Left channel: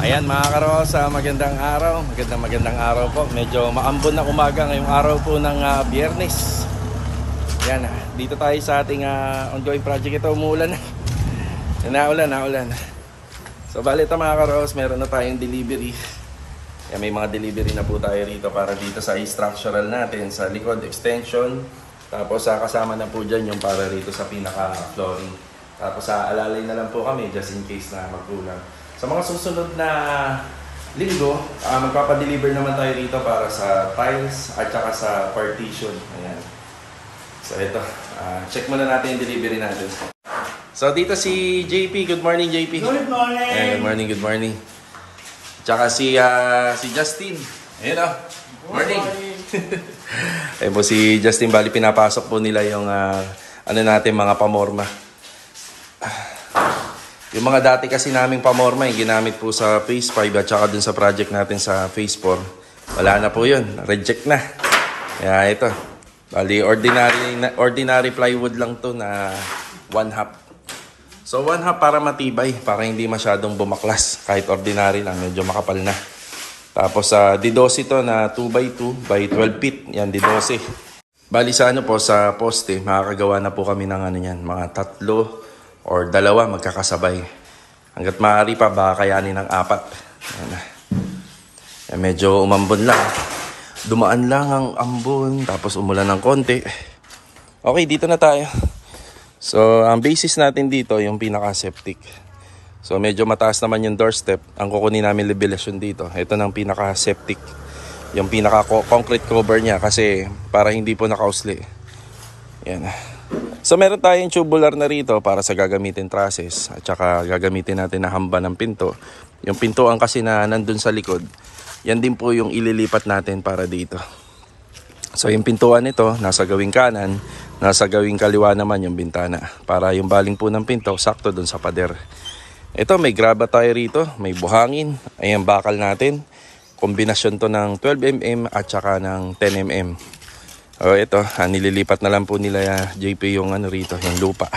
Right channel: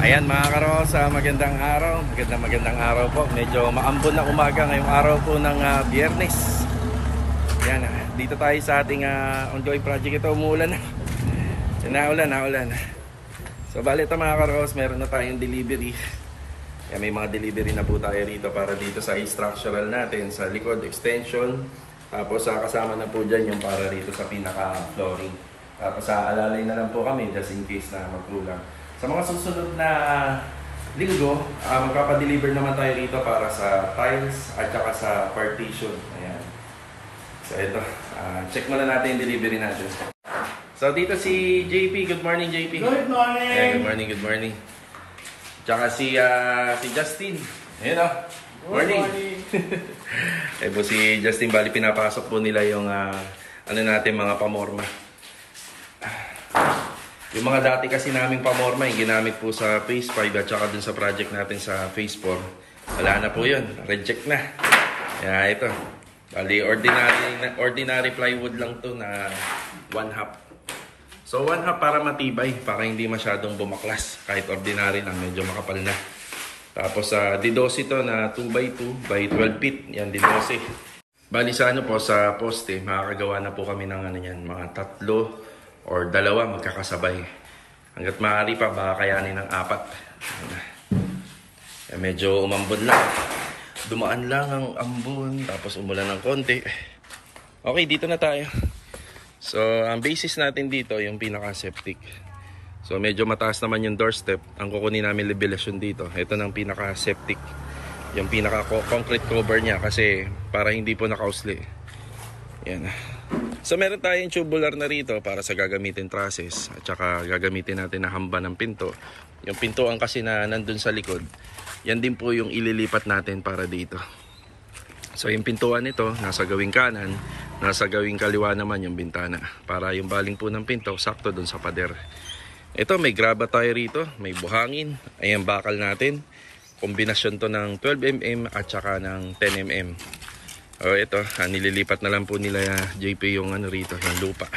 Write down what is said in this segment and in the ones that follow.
Ayan mga karosa, magandang araw po. Medyo maambon na umaga ngayong araw po ng Biyernes. Ayan, dito tayo sa ating ongoing project. Ito umuulan na. Naulan. So bali ito mga karos, meron na tayong delivery. Ayan, may mga delivery na po tayo rito para dito sa structural natin, sa likod extension. Tapos kasama na po dyan yung para rito sa pinaka flooring. Tapos alalay na lang po kami just in case na magkulang. Sa mga susunod na linggo, magpapadeliver naman tayo dito para sa tiles at saka sa partition. Ayan. So ito, check muna natin yung delivery natin. So dito si JP. Good morning JP. Good morning. Ayan, good morning. Tsaka si Justin. Ayan o. Morning. Ayan po si Justin. Bali pinapasok po nila yung ano natin mga pamorma. Yung mga dati kasi naming pamorma, yung ginamit po sa phase 5 at saka dun sa project natin sa phase 4. Wala na po yun. Reject na. Kaya ito. Bali, ordinary plywood lang to na 1/2. So 1/2 para matibay, para hindi masyadong bumaklas. Kahit ordinary lang, medyo makapal na. Tapos D12 to na 2x2 by 12 feet. Yan, D12. Bali sa ano po, sa poste, makakagawa na po kami ng ano yan, mga 3 or 2 magkakasabay. Hanggat maaari pa, baka kayanin ng 4. Medyo umambon lang. Dumaan lang ang ambon, tapos umulan ng konti. Okay, dito na tayo. So, ang basis natin dito, yung pinaka-septic. So, medyo mataas naman yung doorstep. Ang kukunin namin elevation dito. Ito ng pinaka-septic. Yung pinaka-concrete cover niya kasi para hindi po nakausli. Yan. So meron tayong tubular na rito para sa gagamitin trusses at saka gagamitin natin na hamba ng pinto. Yung pintuan kasi na nandun sa likod, yan din po yung ililipat natin para dito. So yung pintuan nito, nasa gawing kanan, nasa gawing kaliwa naman yung bintana. Para yung baling po ng pinto, sakto dun sa pader. Ito may graba tayo rito, may buhangin, ayan bakal natin. Kombinasyon to ng 12mm at saka ng 10mm. O ito, nililipat na lang po nila JP yung ano rito, yung lupa.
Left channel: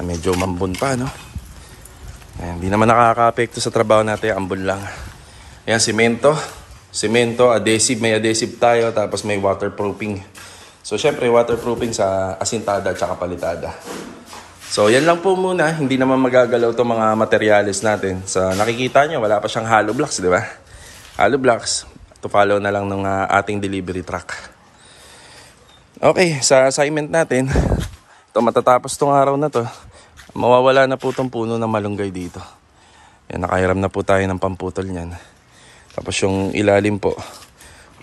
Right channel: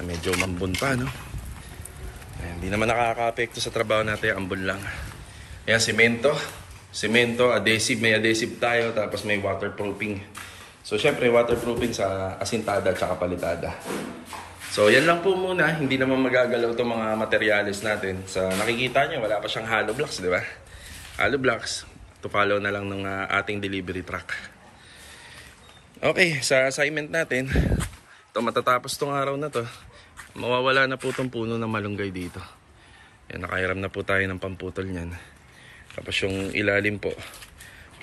Medyo mambon pa, no? Hindi naman nakaka-apekto sa trabaho natin, ambon lang. Ayan, semento, adhesive, may adhesive tayo, tapos may waterproofing. So syempre waterproofing sa asintada at saka palitada. So yan lang po muna, hindi naman magagalaw itong mga materials natin. So nakikita nyo, wala pa siyang hollow blocks, di ba? Hollow blocks. To follow na lang ng ating delivery truck. Okay, sa assignment natin, ito matatapos tong araw na to. Mawawala na po itong puno ng malunggay dito. Yan, nakahiram na po tayo ng pamputol niyan. Tapos yung ilalim po,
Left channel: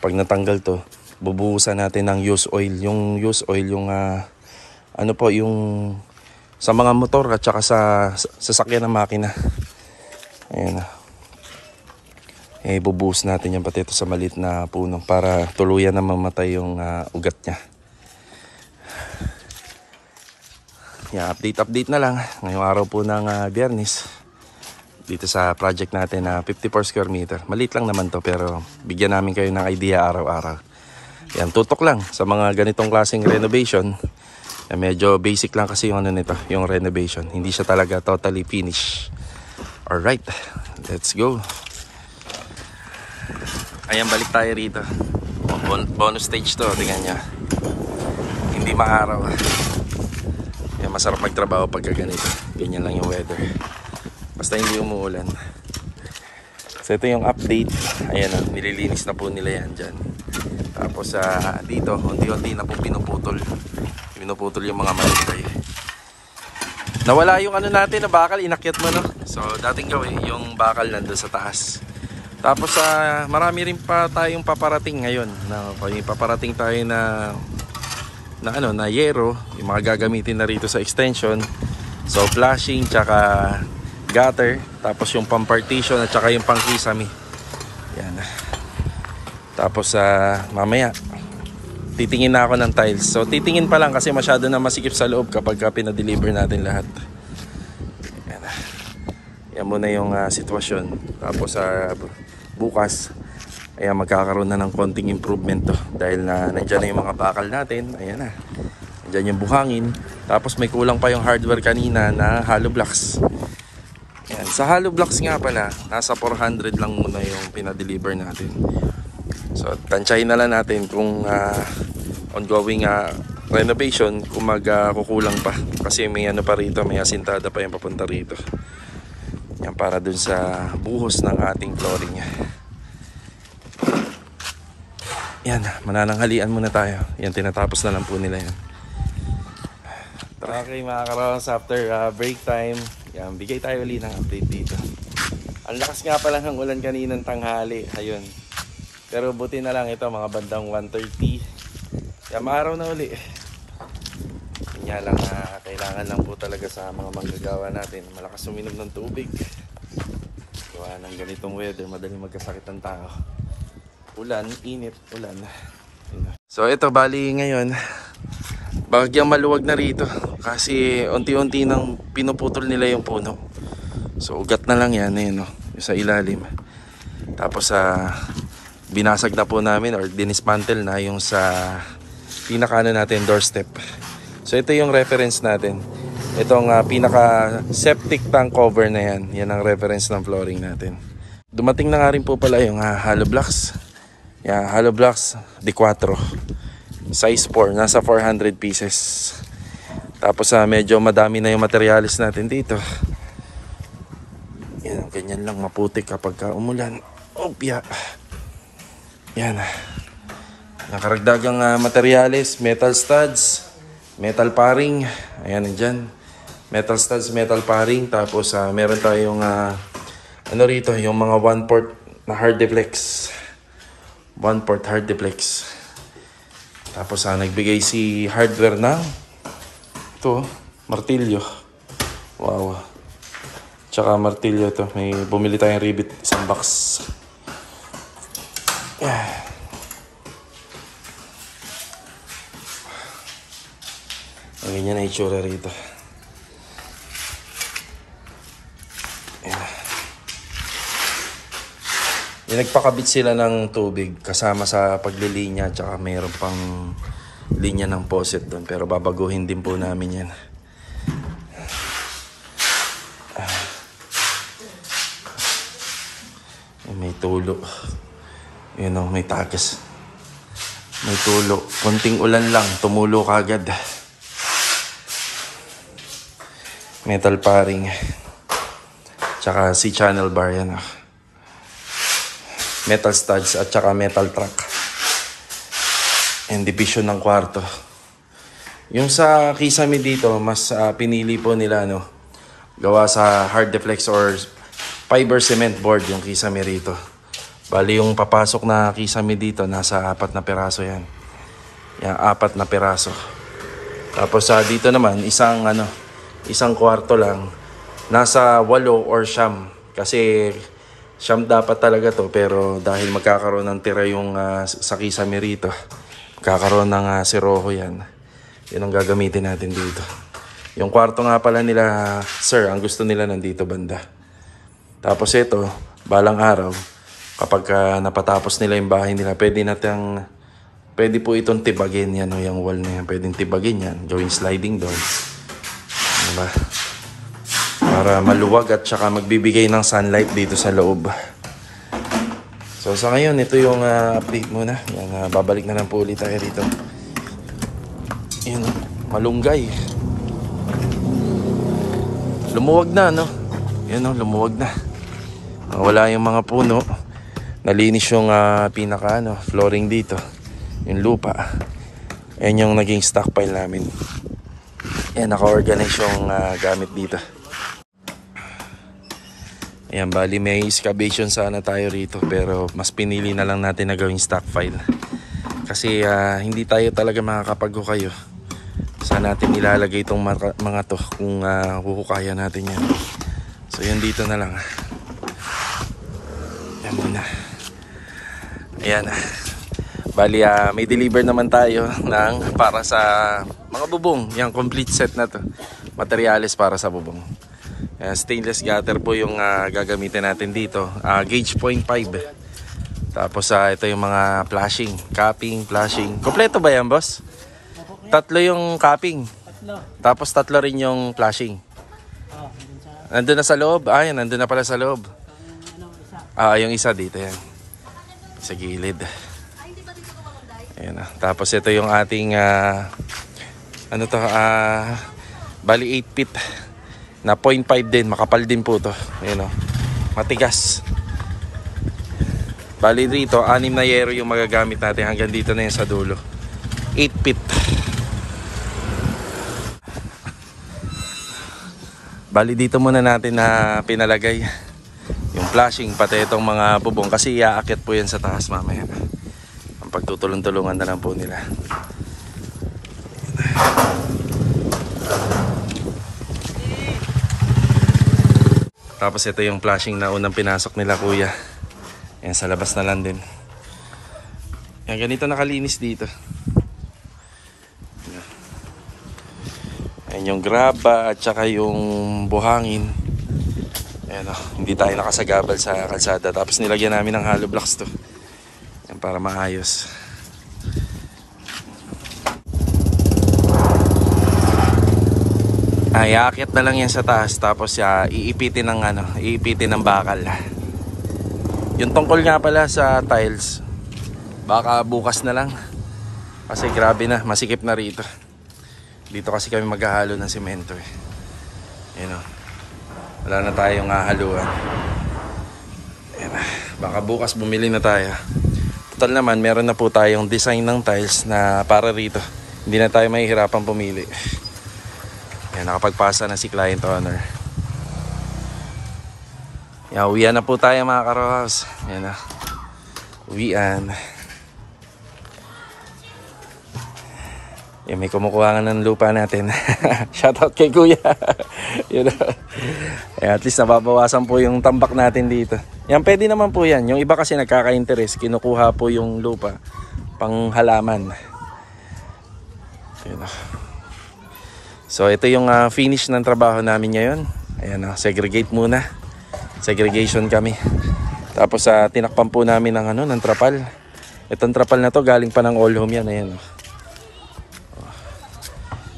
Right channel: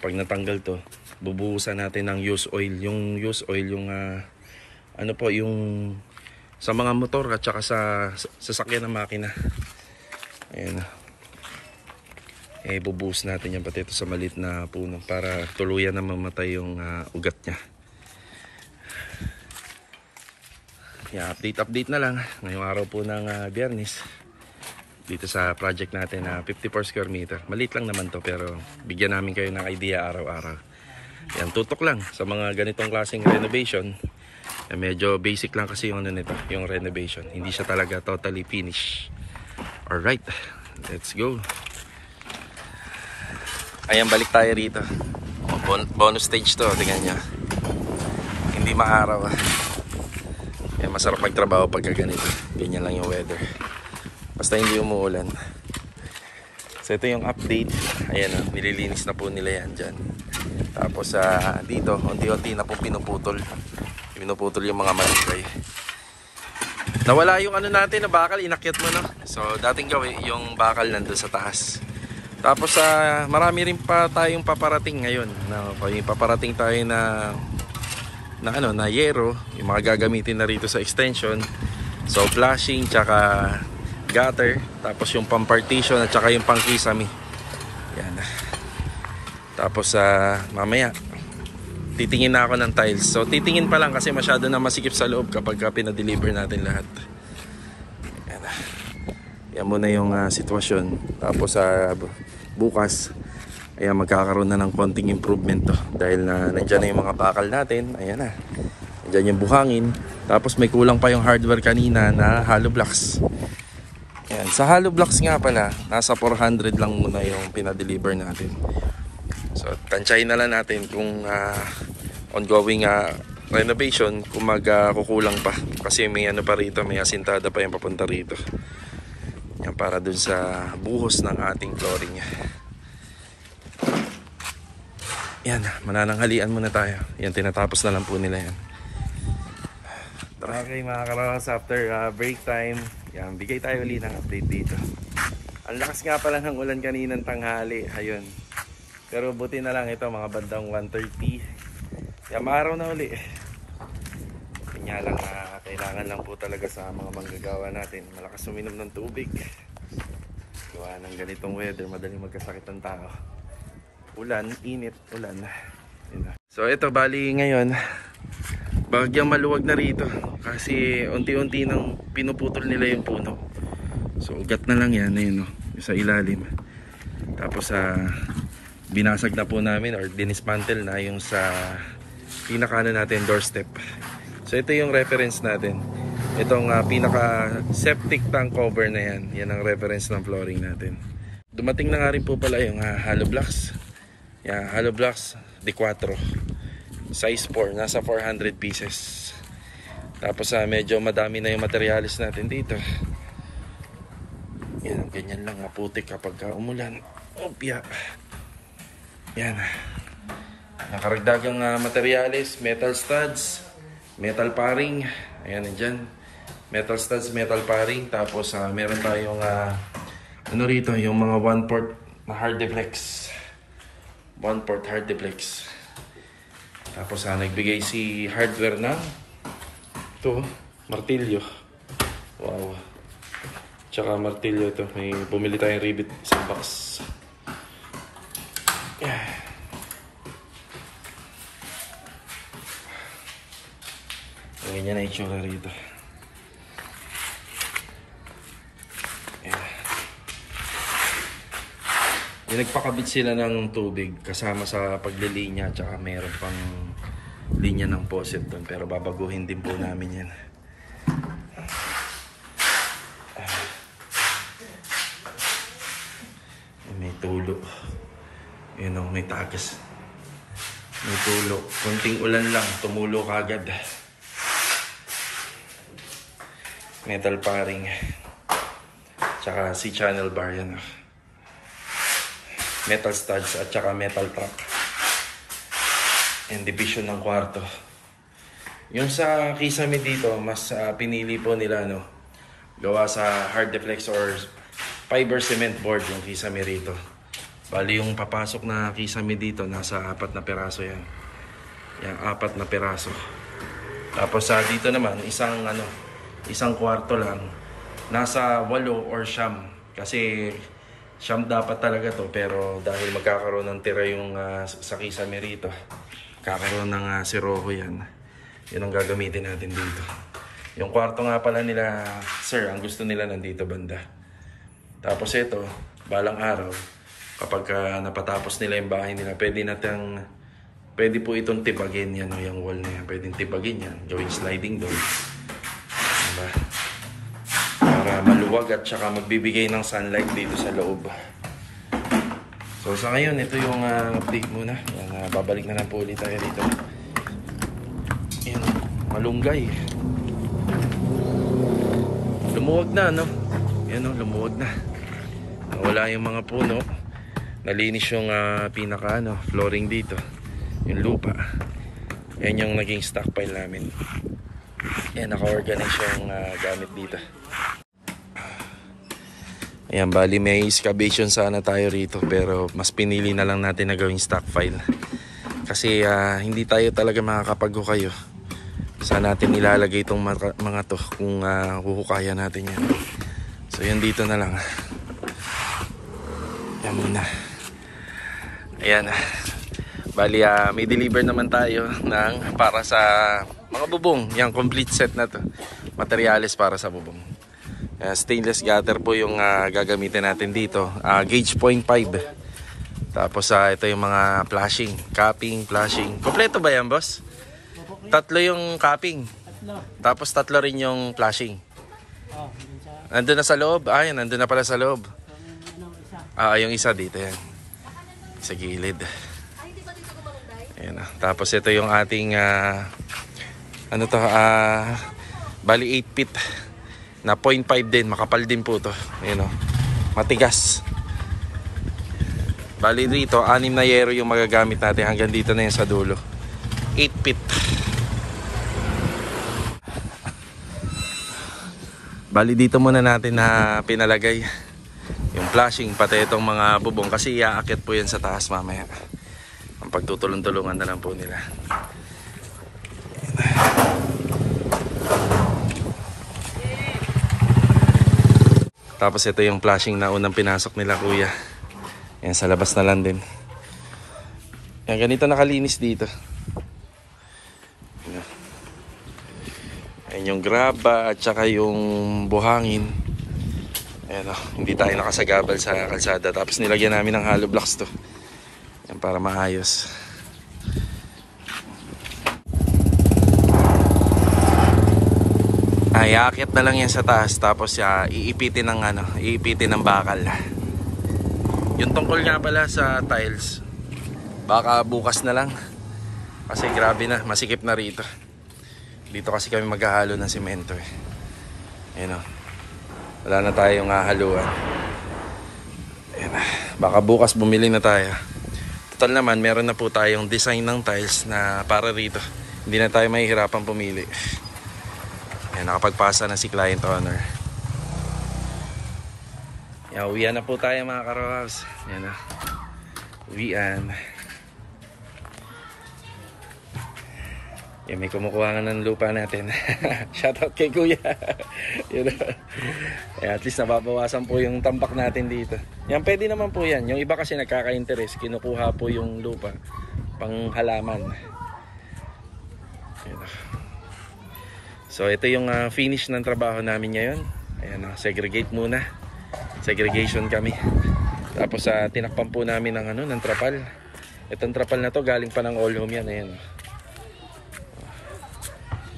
pag natanggal to, bubuhusan natin ng used oil. Yung used oil, yung ano po, yung sa mga motor at saka sa sasakyan ng makina. Ayan na. Bubuhos natin yan pati ito sa maliit na puno para tuluyan na mamatay yung ugat niya. Yeah, update na lang ngayong araw po ng Biyernes dito sa project natin na 54 square meter. Maliit lang naman to pero bigyan namin kayo ng idea araw-araw. Yan, tutok lang sa mga ganitong klaseng renovation. Medyo basic lang kasi yung ano nito, yung renovation. Hindi siya talaga totally finished. Alright, let's go. Ayan, balik tayo rito. Bonus stage to, tingnan nyo. Hindi maaraw. Ayan, masarap magtrabaho pagka ganito. Ganyan lang yung weather. Basta hindi umuulan. So ito yung update. Ayan o, nililinis na po nila yan dyan. Tapos dito, unti-unti na po pinuputol. Pinuputol yung mga malunggay. Nawala yung ano natin na bakal, inakyat mo no. So dating gawin, yung bakal nandun sa taas. Tapos marami rin pa tayong paparating ngayon. Paparating tayo na yero, yung mga gagamitin na rito sa extension. So flashing tsaka gutter, tapos yung pang-partition at tsaka yung pang-kisame. Yan. Tapos mamaya titingin na ako ng tiles. So titingin pa lang kasi masyado na masikip sa loob kapag pinadeliver natin lahat. Yan. Yan muna yung sitwasyon. Tapos bukas, ayan, magkakaroon na ng konting improvement to. Dahil nandyan na yung mga bakal natin. Ayan na. Nandyan yung buhangin. Tapos may kulang pa yung hardware kanina na hollow blocks. Ayan. Sa hollow blocks nga pala, nasa 400 lang muna yung pinadeliver natin. So, tansyahin na lang natin kung ongoing renovation, kung magkukulang pa. Kasi may ano pa rito, may asintada pa yung papunta rito. Yan, para dun sa buhos ng ating flooring. Yan, manananghalian muna tayo. Yan, tinatapos na lang po nila yan. Okay mga karos, after break time, yan, bigay tayo ulit ng update dito. Ang lakas nga pala ng ulan kaninang tanghali, ayun. Pero buti na lang ito, mga bandang 1:30. Yan, maaraw na uli. Yun nga lang, kailangan lang po talaga sa mga manggagawa natin malakas uminom ng tubig. Gawa ng ganitong weather, madaling magkasakit ng tao. Ulan, init, ulan. So ito, bali ngayon, bagyang maluwag na rito kasi unti-unti nang pinuputol nila yung puno. So ugat na lang yan, ayun, no, yung sa ilalim. Tapos binasag na po namin or dinismantle na yung sa pinaka natin doorstep. So ito yung reference natin. Itong pinaka septic tank cover na yan. Yan ang reference ng flooring natin. Dumating na nga rin po pala yung hollow blocks. Yan, hollow blocks D4. Size 4, nasa 400 pieces. Tapos medyo madami na yung materialis natin dito. Yan, ganyan lang maputik kapag umulan. Opya. Yan. Nakaragdagang materialis, metal studs, metal paring. Ayan dyan. Metal studs, metal paring. Tapos meron tayong ano rito, yung mga 1/4 na hard deflex. 1/4 hard deflex. Tapos nagbigay si hardware na ito, martilyo. Wow. Tsaka martilyo to. May bumili tayong rivet, isang box. Yeah. Ganyan na itsura rito. Yeah. Nagpakabit sila ng tubig kasama sa paglilinya, tsaka mayroon pang linya ng faucet doon, pero babaguhin din po namin yan. May tulo. Yun o, may tagas. May tulo. Konting ulan lang, tumulo kagad. Metal paring. Tsaka si channel bar yan o. Metal studs at saka metal track. And division ng kwarto. Yung sa kisame dito, mas pinili po nila gawa sa hard deflex or fiber cement board yung kisame rito. Bali yung papasok na kisame dito, nasa 4 na piraso yan. Yan, 4 na piraso. Tapos dito naman, isang kwarto lang. Nasa 8 or 9. Kasi siyam dapat talaga to, pero dahil magkakaroon ng tira yung sa kisame rito, magkakaroon ng siroho yan. Yun ang gagamitin natin dito. Yung kwarto nga pala nila, sir, ang gusto nila nandito banda. Tapos ito, balang araw, kapag napatapos nila yung bahay nila, pwede po itong tibagin yan, yung wall na yan. Pwedeng tibagin yan, gawing sliding door. Diba? Para maluwag at saka magbibigay ng sunlight dito sa loob. So sa ngayon, ito yung update muna. Yan, babalik na lang po ulit tayo dito. Yun, malunggay. Lumuwag na, no? Yan, lumuwag na. Wala yung mga puno. Nalinis yung pinaka flooring dito. Yung lupa. Yan yung naging stockpile namin. Yan, naka-organize yung gamit dito. Ayan, bali may excavation sana tayo rito, pero mas pinili na lang natin na gawing stockpile. Kasi hindi tayo talaga makakapaghukayo. Saan natin ilalagay itong mga to kung huhukaya natin yan. So yan, dito na lang. Yan muna. Ayan. Bali may deliver naman tayo para sa mga bubong. Yung complete set na to. Materials para sa bubong. Stainless gutter po yung gagamitin natin dito. Gauge 0.5. Tapos ito yung mga flashing, capping, flashing. Kompleto ba yan, boss? 3 yung capping. Tapos 3 rin yung flashing. Nandun na sa loob. Ay, nandun na pala sa loob. Yung isa dito yan. Sa gilid. Ayan, tapos ito yung ating bali 8 feet na 0.5 din, makapal din po to. Ayan, matigas. Bali dito 6 na yero yung magagamit natin, hanggang dito na yan sa dulo. 8 feet. Bali dito muna natin na pinalagay yung flashing, pati itong mga bubong, kasi iaakit po yan sa taas mamaya. Ang pagtutulong-tulungan na lang po nila. Tapos ito yung flashing na unang pinasok nila kuya. Yan, sa labas na lang din. Yan, ganito nakalinis dito. Yan yung graba at saka yung buhangin. Ayan, hindi tayo nakasagabal sa kalsada. Tapos nilagyan namin ng hollow blocks to. Yan, para maayos. Iaakyat na lang yan sa taas, tapos iipitin ng bakal. Yung tungkol nga pala sa tiles, baka bukas na lang. Kasi grabe na, masikip na rito. Dito kasi kami maghahalo ng semento eh. Ayan, wala na tayong hahaluan. Ayan, baka bukas bumili na tayo. Total naman, meron na po tayong design ng tiles na para rito. Hindi na tayo mahihirapan pumili. Ayan, nakapagpasa na si client owner. Yan, uwian na po tayo mga karos. Ayan na, uwian. Yan, may kumukuha ng lupa natin. Shoutout kay kuya. Yan, at least nababawasan po yung tambak natin dito. Yan, pwede naman po yan. Yung iba kasi nagkaka-interest, kinukuha po yung lupa pang halaman. Yan. So ito yung finish ng trabaho namin ngayon. Ayan, segregate muna. Segregation kami. Tapos tinakpan po namin ng trapal. Itong trapal na to galing pa ng all home yan. Ayan.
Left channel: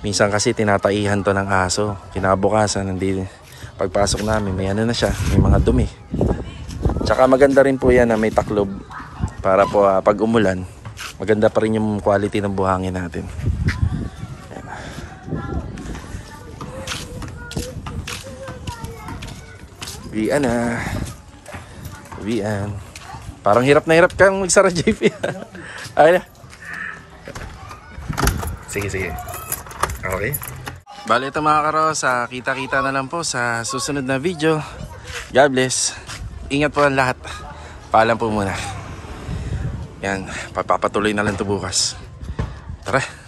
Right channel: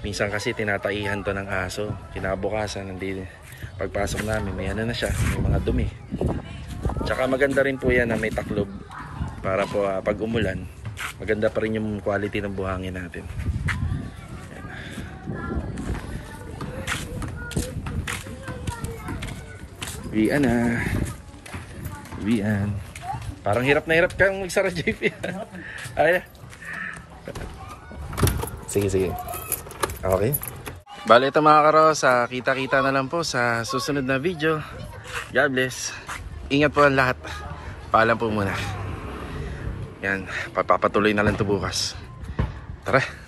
Minsan kasi tinataihan to ng aso. Kinabukasan, hindi, pagpasok namin may na siya, may mga dumi. Tsaka maganda rin po yan na may taklob. Para po pag umulan, maganda pa rin yung quality ng buhangin natin. Uwian na. Uwian. Parang hirap na hirap kang magsara, JP. Ay na. Sige. Okay. Bale ito mga karos, kita-kita na lang po sa susunod na video. God bless. Ingat po ang lahat. Paalam po muna. Yan, papatuloy na lang ito bukas. Tara.